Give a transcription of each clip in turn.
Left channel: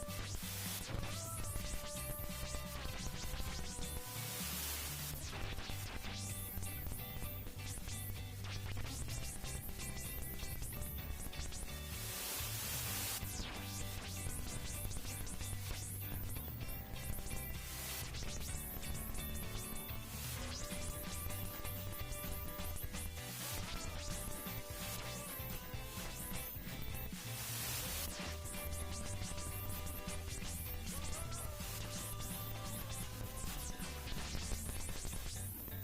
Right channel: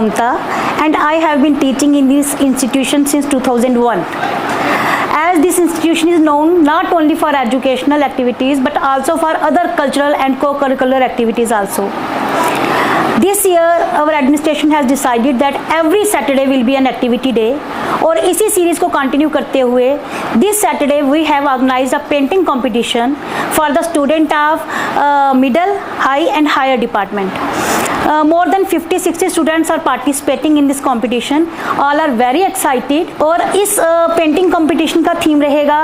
Mamta and I have been teaching in this institution since 2001. As this institution is known not only for educational activities but also for other cultural and co-curricular activities also. This year our administration has decided that every Saturday will be an activity day और इसी series को continue करते हुए this Saturday we have organized a painting competition for the student of middle, high and higher department. More than 50-60 students are participating in this competition. All are very excited और इस painting competition का theme रहेगा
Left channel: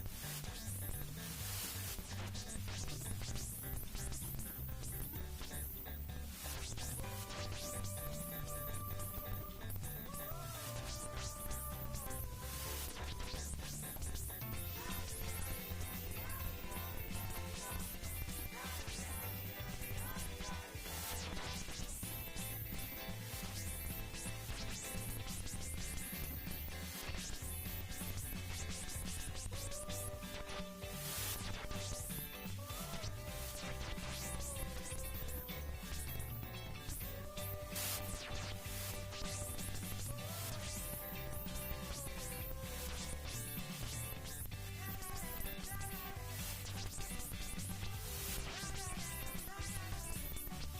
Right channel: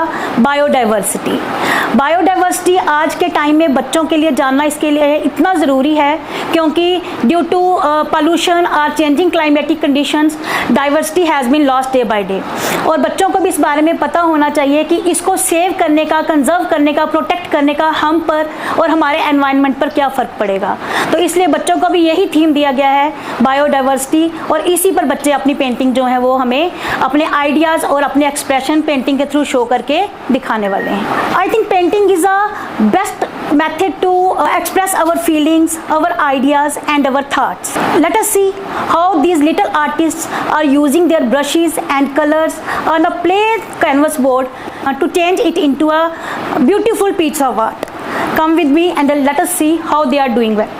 biodiversity. Biodiversity आज के time में बच्चों के लिए जानना इसके लिए इतना ज़रूरी है क्योंकि ड्यू टू पोल्यूशन और changing climatic conditions diversity has been lost day by day और बच्चों को भी इस बारे में पता होना चाहिए कि इसको सेव करने का, कंजर्व करने का, प्रोटेक्ट करने का हम पर और हमारे एनवायरनमेंट पर क्या फ़र्क पड़ेगा. तो इसलिए बच्चों को भी यही थीम दिया गया है बायोडाइवर्सिटी और इसी पर बच्चे अपनी पेंटिंग जो है वो हमें अपने आइडियाज़ और अपने एक्सप्रेशन पेंटिंग के थ्रू शो करके दिखाने वाले हैं. I think painting is a best method to express our feelings, our ideas and our thoughts. Let us see how these little artists are using their brushes and colors on a plain canvas board to change it into a beautiful piece of art. Come with me and then let us see how they are doing well.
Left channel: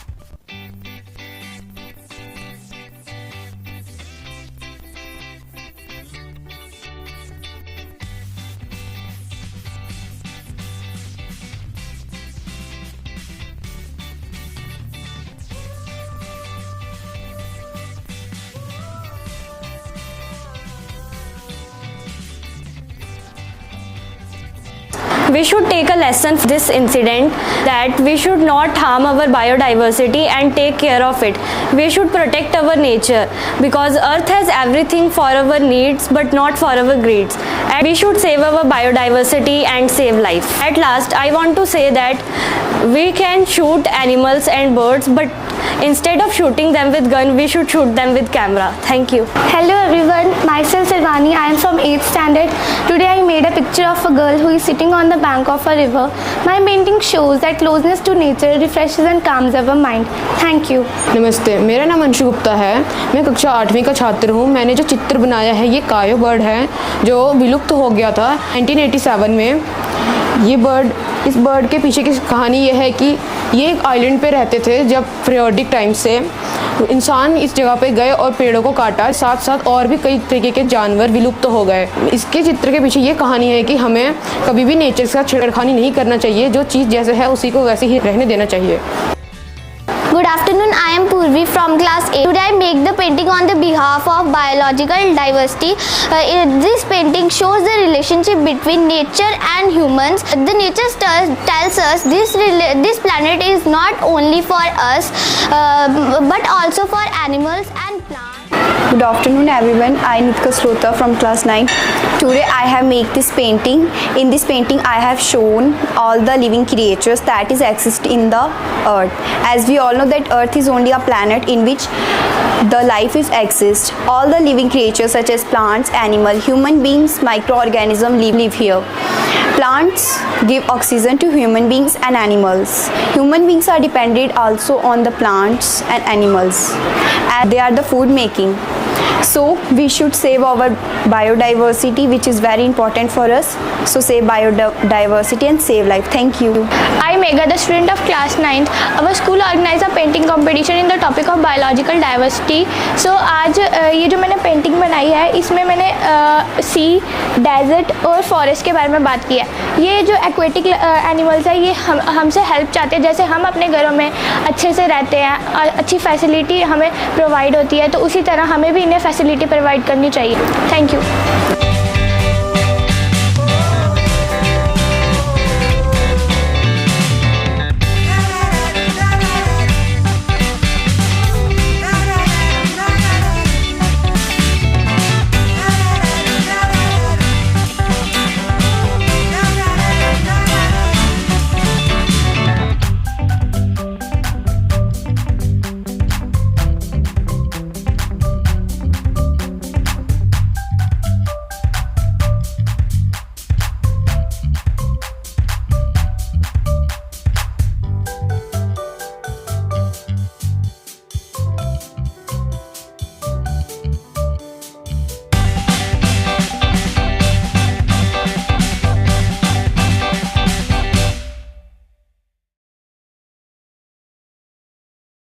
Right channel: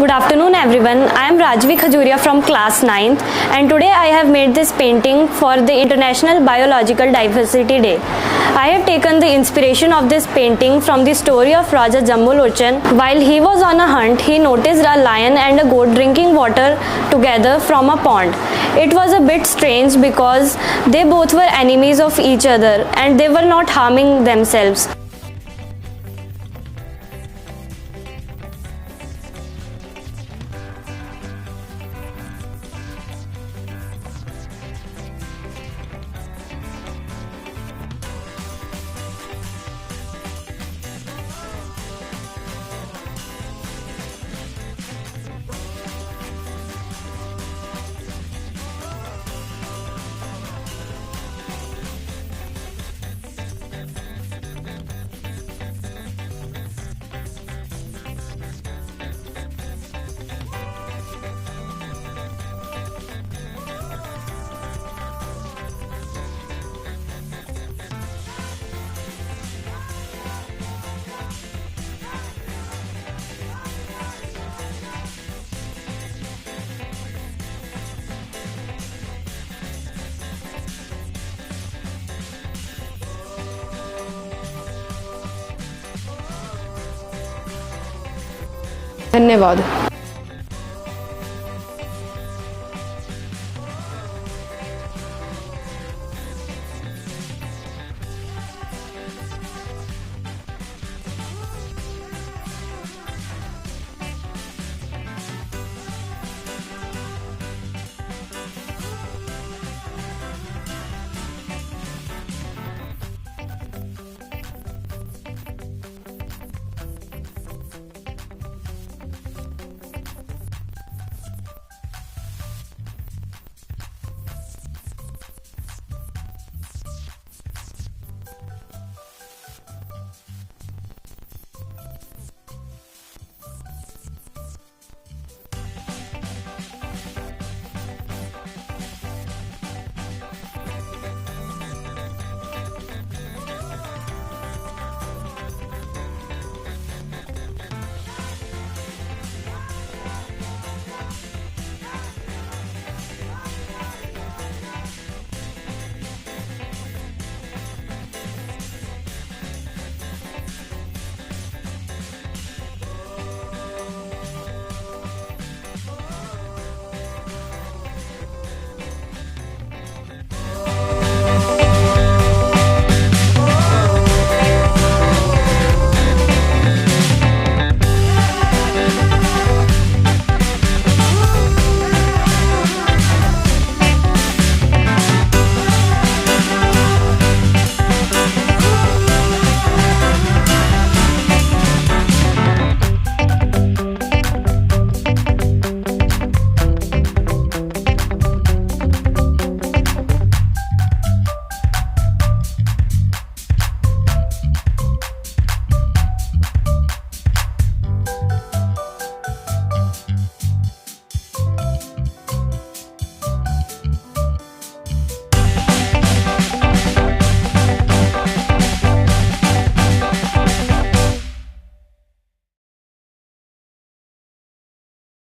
Good afternoon everyone, I am Rajvi Khajuria from class 9th and today I have made this painting for the International Biological Diversity Day. I have taken the inspiration of this painting from the story of Raja Jambulochan. While he was on a hunt, he noticed a lion and a goat drinking water together from a pond. It was a bit strange because they both were enemies of each other and they were not harming themselves. We should take a lesson from this incident that we should not harm our biodiversity and take care of it. We should protect our nature because earth has everything for our needs but not for our greeds. And we should save our biodiversity and save life. At last, I want to say that we can shoot animals and birds, but instead of shooting them with gun, we should shoot them with camera. Thank you. Hello everyone, myself Silvani. I am from 8th standard. Today I made a picture of a girl who is sitting on the bank of a river. My painting shows that closeness to nature refreshes and calms our mind. Thank you. नमस्ते, मेरा नाम अंशु गुप्ता है. मैं कक्षा 8वीं का छात्र हूँ. मैंने जो चित्र बनाया है ये कायो बर्ड है जो विलुप्त हो गया था 1987 में. इस बर्ड के पीछे की कहानी ये है कि ये एक आइलैंड पे रहते थे जब पीरियोडिक टाइम से इंसान इस जगह पे गए और पेड़ों को काटा, साथ साथ और भी कई तरीके के जानवर विलुप्त हो गए। इसके चित्र के पीछे ये कहानी है कि हमें कभी भी नेचर के साथ छेड़खानी नहीं करना चाहिए, जो चीज़ जैसे है उसी को वैसे ही रहने देना चाहिए। धन्यवाद। Good afternoon, I am Purvi from class 8. Today I make the painting on the behalf of biological diversity. This painting shows the relationship between nature and humans. The nature tells us this planet is not only for us but also for animals and plants. Good afternoon everyone, I Nitika Srota from class 9. Today I have made this painting. In this painting I have shown all the living creatures that is exist in the earth. As we all know that earth is only a planet in which the life is exist. All the living creatures such as plants, animal, human beings, microorganisms live here. Plants give oxygen to human beings and animals. Human beings are dependent also on the plants and animals, and they are the food making. So we should save our biodiversity, which is very important for us. So save biodiversity and save life. Thank you. I Megha, the student of class 9th. Our school organized a painting competition in the topic of biological diversity. So आज ये जो मैंने painting बनाई है इसमें मैंने सी, desert और forest के बारे में बात की है। ये जो एक्वेटिक एनिमल्स है ये हमसे हेल्प चाहते हैं, जैसे हम अपने घरों में अच्छे से रहते हैं और अच्छी फैसिलिटी हमें प्रोवाइड होती है, तो उसी तरह हमें भी इन्हें फैसिलिटी प्रोवाइड करनी चाहिए। Thank you.